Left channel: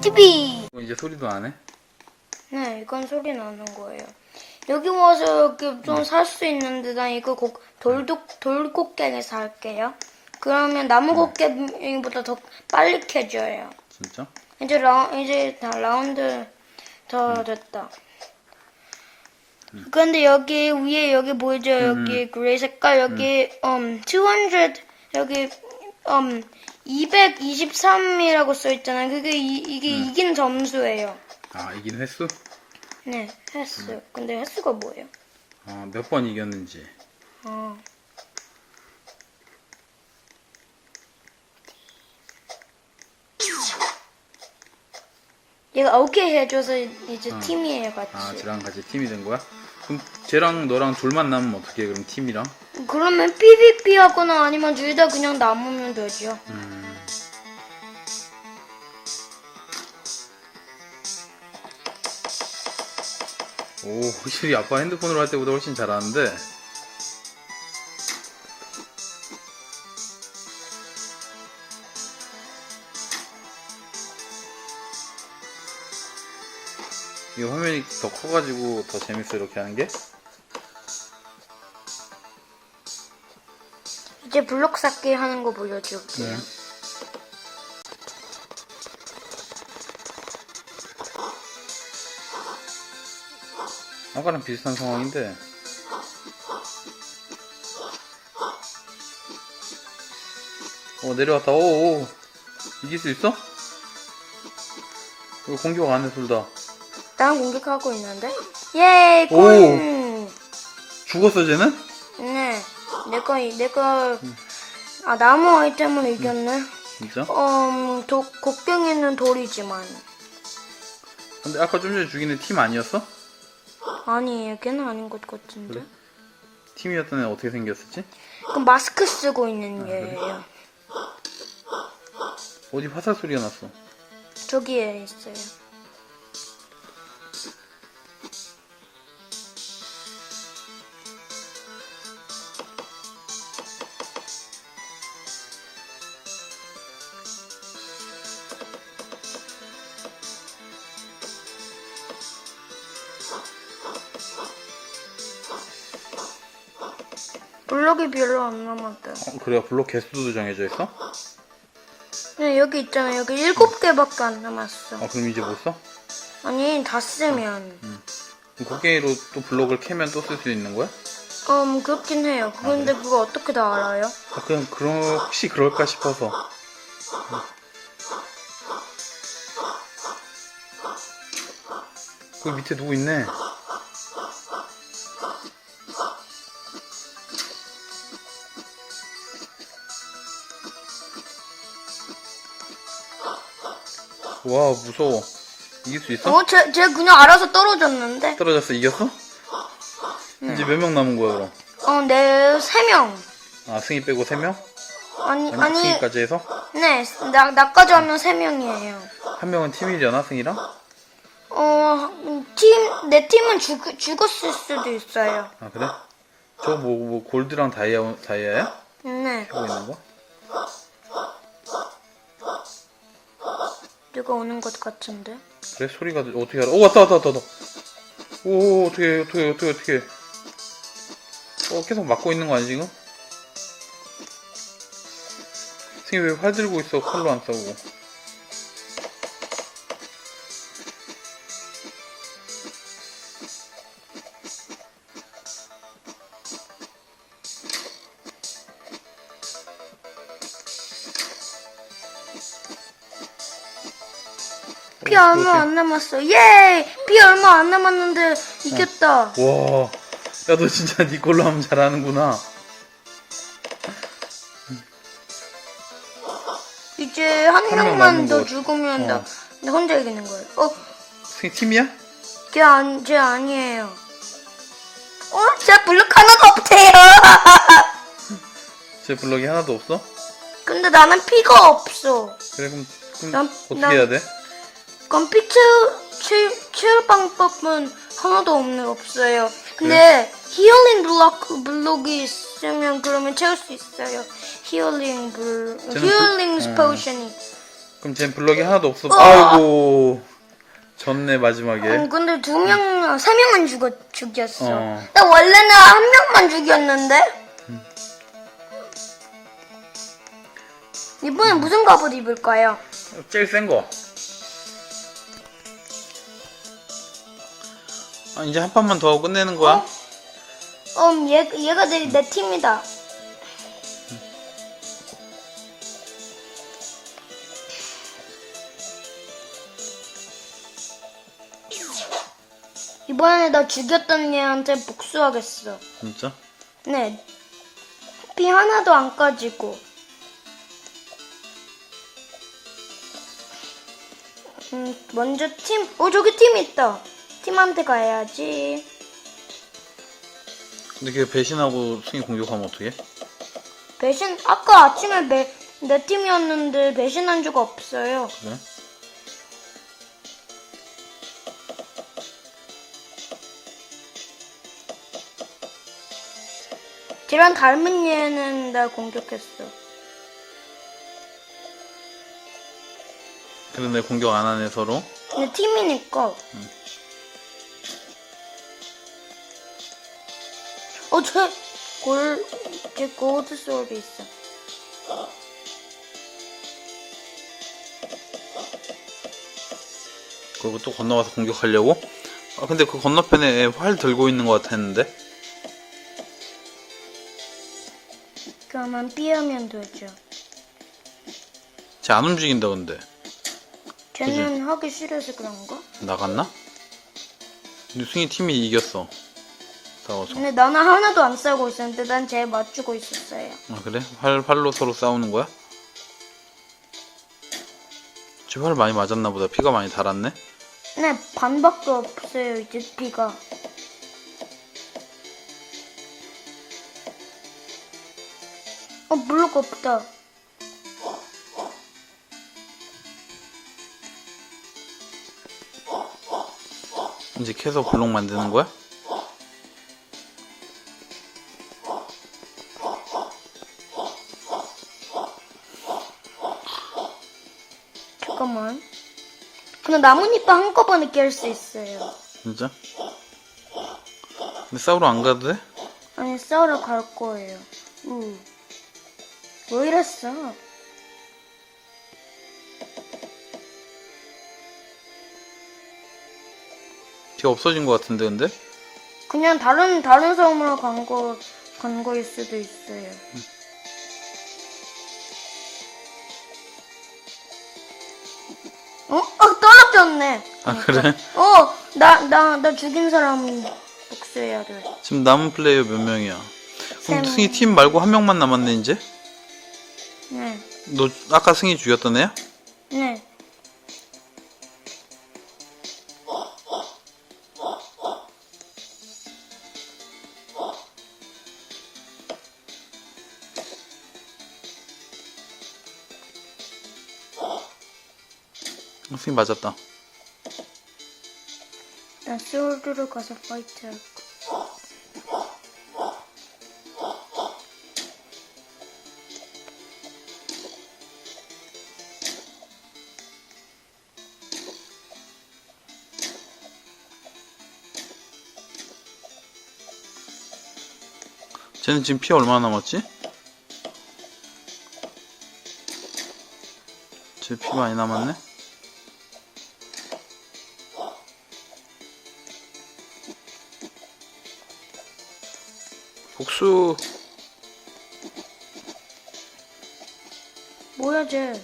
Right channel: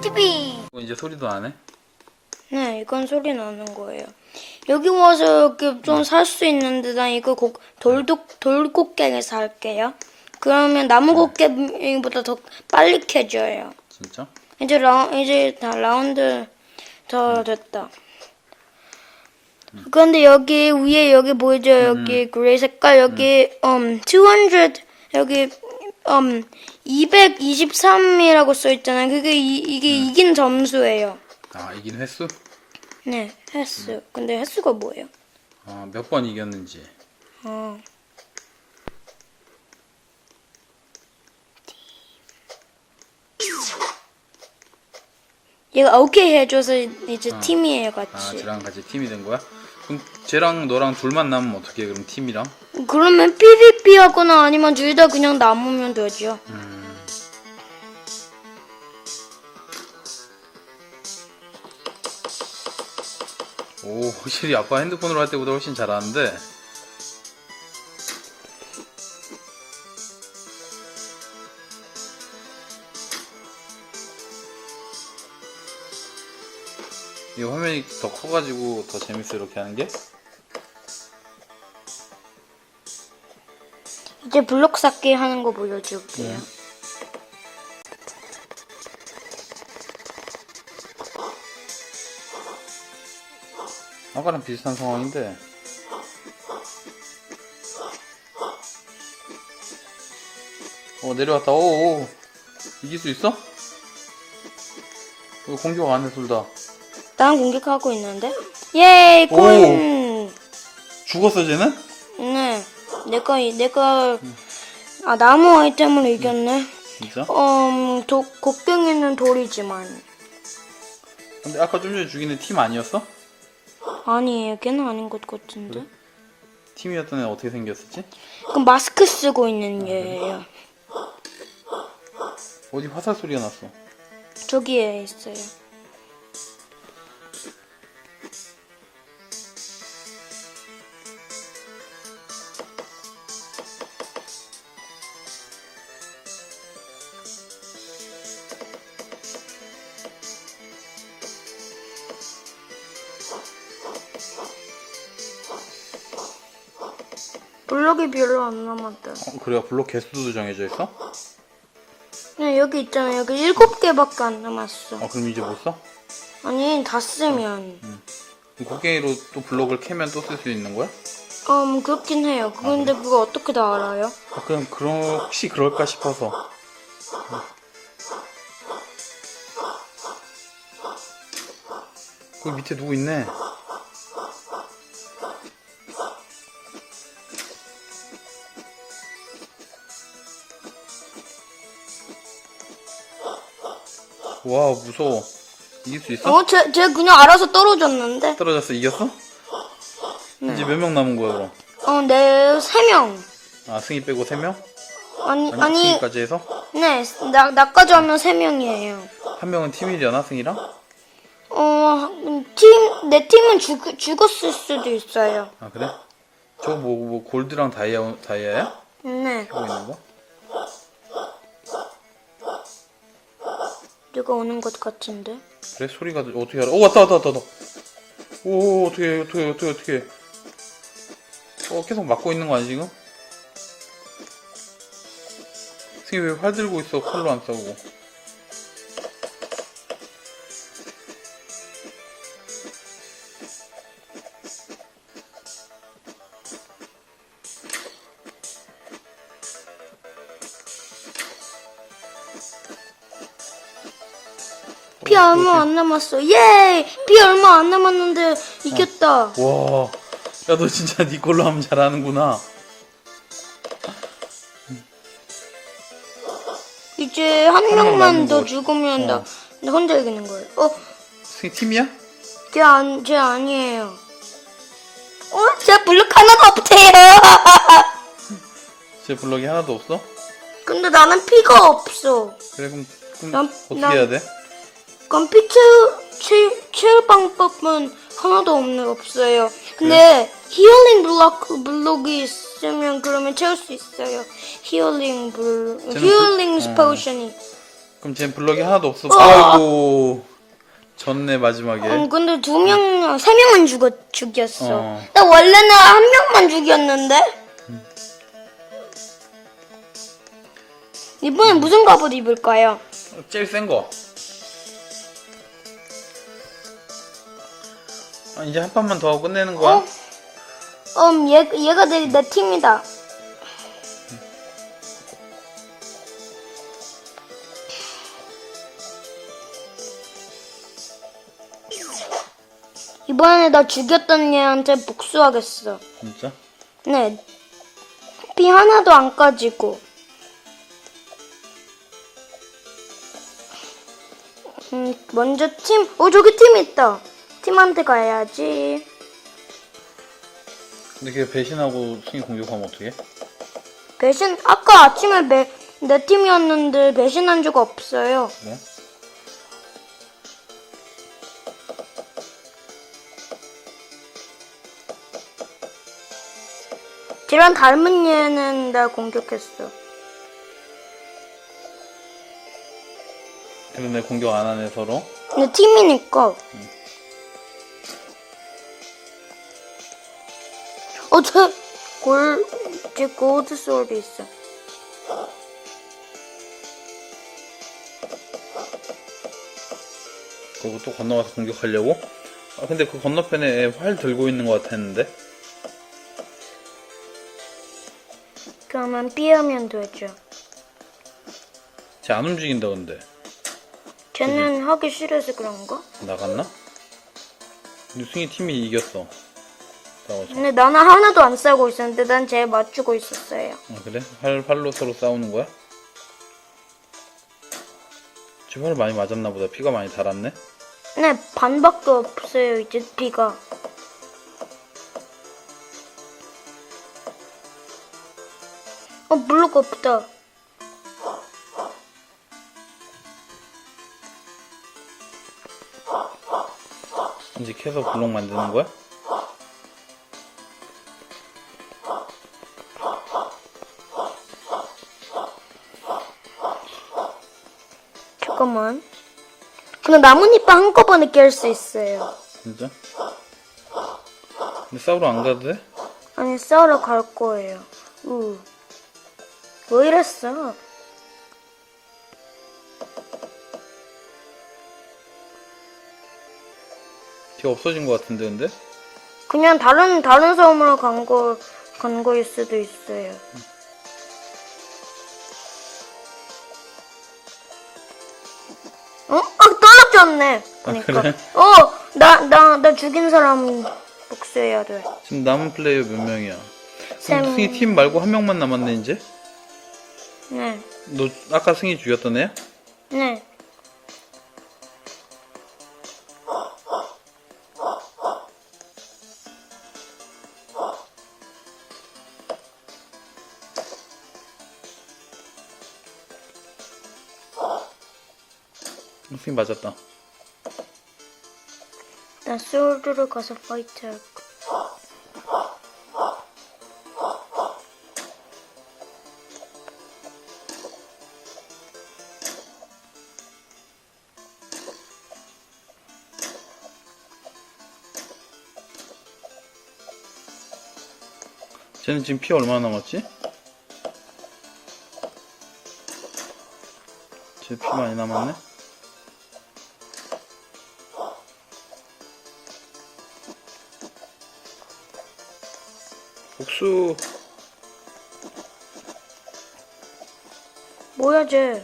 TV. 어, 이제 소리도 안 해? 네, 이건 소리 나는 거예요. 여기 와서 이렇게 좀 살 수 있는데 난 이거 곡, 돌독, 돌곡괭이에서 할게요. 그러면 나무 곡괭이보다 더 빨리 캐져요. 진짜? 이제 라 이제 다 라운드 더 됐다. 그런데 여기 위에 여기 보이죠? 여기 그레이 색깔 여기 음, 200 여기 음 223이라고 써 있잖아요. 그게 이, 이게 이긴 점수예요. 아 이긴 횟수? 네, 횟수. 근데 횟수가 뭐예요? 아, 몇 번 이겼는지 어. 얘가 오케이 해줘서 이제 팀이에요 같이. 아 쟤랑 같이 팀이 된 거야? 그럼 쟤랑 너랑 둘만 남으면 어떻게 해 그럼 팀이랑? 그러면 PVP 하거나 아니면 둘 다 그냥 남으면 되죠. 음... 오 확실히 아빠 핸드폰으로 할 때보다 훨씬 잘하는데 이 화면이 더 커가지고 더 재밌어 이렇게 하는 게? 이제 블록 쌓기 하는 거 보여줄게요. 네. 아까랑 비슷한 상황인데 어 내려왔다 오오 이길 수 있어? 이거 공격 안해 둘다 나는 공격하고 있는데? 예이 오. 콘! 죽었어 쟤는? 네, 내가 내가 아 나무 아이템을 이겼네. 진짜? 음, 도, 곡괭이는 돌이지만 근데 아까 좀 전에 죽인 애팀 아니었어? 아니에요. 걔는 아닌 것 같은데. 그래? 팀이었던 애 어떻게 생겼었지? 그 마스크 쓰고 있는 얘예요. 어디 화살 소리가 났어 저기에 있어요. 블록이 별로 안 남았다. 어, 그래야 블록 개수도 정해져 있어? 네, 여기 있잖아. 여기 일곱 개밖에 안 남았어. 아 그럼 이제 못 써? 아니, 다 쓰면. 그럼 곡괭이로 또 블록을 캐면 또 쓸 수 있는 거야? 음, 그렇긴 해요. 근데 그거 어떻게 다 알아요? 아, 그냥 그런 혹시 그럴까 싶어서 그 밑에 누구 있네 와 무서워 이길 수 있어? 어, 쟤, 쟤 그냥 알아서 떨어졌는데? 떨어졌어 이겼어? 이제 몇 명 남은 거야 그럼? 어, 네, 세 명. 아 승희 빼고 3명? 아니, 아니, 아니, 승희까지 해서? 네, 나, 나까지 하면 세 명이에요. 한 명은 팀이려나 승희랑? 어, 팀, 내 팀은 죽, 죽었을 수도 있어요. 아 그래? 저거 뭐, 뭐 골드랑 다이아, 다이아야? 네, 하고 있는 거? 누가 오는 것 같은데? 그래? 소리가 어떻게 알아? 오 왔다 왔다 왔다 왔다. 오 어떻게 어떻게 어떻게 어떻게 어 계속 막고 있는 거 아니 지금? 승희 왜활 들고 있어? 칼로 안 싸우고 피 얼마 안 남았어. 예! 피 얼마 안 남았는데 이겼다. 와, 야 너 진짜 니 걸로 하면 잘하는구나. 이제 한 한명 명만 남은 더 것. 죽으면 나, 어. 나 혼자 이기는 거예요. 어, 승희 팀이야? 쟤, 안, 쟤 아니에요. 어? 쟤 블록 하나도 없대요. 제 블럭이 하나도 없어? 근데 나는 피가 없어. 그래 그럼, 그럼 난- 어떻게 난- 해야 돼? 피 채울, 방법은 하나도 없는 없어요. 근데 힐링 블록 블록이 있으면 그러면 채울 수 있어요. 힐링 블 힐링 블- 어. 포션이 그럼 쟨 블럭이 하나도 없어. 아이고. 졌네, 마지막에. 음, 근데 두 명, 세 명은 죽었, 죽였어. 어. 나 원래는 한 명만 죽였는데? 이번엔 무슨 갑옷 입을까요? 제일 센 거. 아, 이제 한 판만 더 하고 끝내는 거야? 음, 얘, 얘가 내, 내 팀이다. 이번에 나 죽였던 얘한테 복수하겠어. 진짜? 네. 피 하나도 안 까지고. 음, 먼저 팀, 어, 저기 팀 있다. 팀한테 가야지. 근데 걔 배신하고 승희 공격하면 어떡해? 배신, 아까 아침에 배, 내 팀이었는데 배신한 적 없어요. 그래? 쟤랑 닮은 얘는 나 공격했어. 그래서 내 공격 안 하네, 서로. 근데 팀이니까. 어, 쟤, 골, 쟤 고드 소리 있어. 그리고 또 건너가서 공격하려고? 아, 근데 그 건너편에 활 들고 있는 것 같았는데? 그러면 삐하면 되죠. 쟤 안 움직인다, 근데. 쟤는 하기 싫어서 그런가? 나갔나? 승희 팀이 이겼어. 싸워서. 근데 나는 하나도 안 싸우고 있었는데 난 쟤 맞추고 있었어요. 아, 그래? 활, 활로 서로 싸우는 거야? 쟤활 많이 맞았나 보다. 피가 많이 달았네? 네, 반밖에 없어요, 이제 피가. 어, 블록 없다. 이제 계속 블록 만드는 거야? 잠깐만. 근데 나뭇잎 한꺼번에 깰 수 있어요. 진짜? 근데 싸우러 안 가도 돼? 아니, 싸우러 갈 거예요. 우. 왜 이랬어? 걔 없어진 것 같은데, 근데? 그냥 다른, 다른 섬으로 간 거, 간 거일 수도 있어요. 어? 아, 떨어졌네. 아, 그러니까. 그래? 어, 나, 나, 나 죽인 사람 복수해야 돼. 지금 남은 플레이어 몇 명이야? 세 그럼 명. 승희 팀 말고 한 명만 남았네, 이제? 네, 너 아까 승희 죽였던 애야? 네. 어, 승희 맞았다. 나 소울드로 가서 파이트 할 거. 쟤는 지금 피 얼마나 남았지? 쟤 피 많이 남았네? 복수 뭐야, 쟤?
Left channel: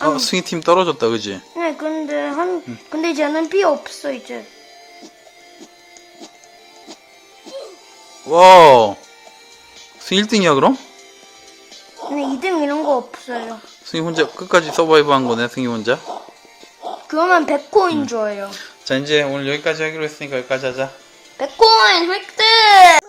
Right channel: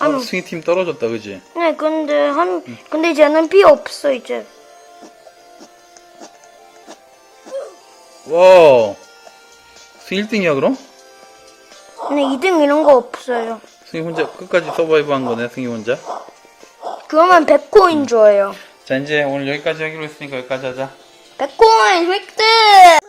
어, 승희 팀 떨어졌다 그지? 네, 근데 한, 근데 쟤는 피 없어, 이제. 와 승희 1등이야 그럼? 근데 2등 이런 거 없어요. 승희 혼자 끝까지 서바이브 한 거네 승희 혼자 그러면 100코인 줘요. 자 이제 오늘 여기까지 하기로 했으니까 여기까지 하자 100코인 획득!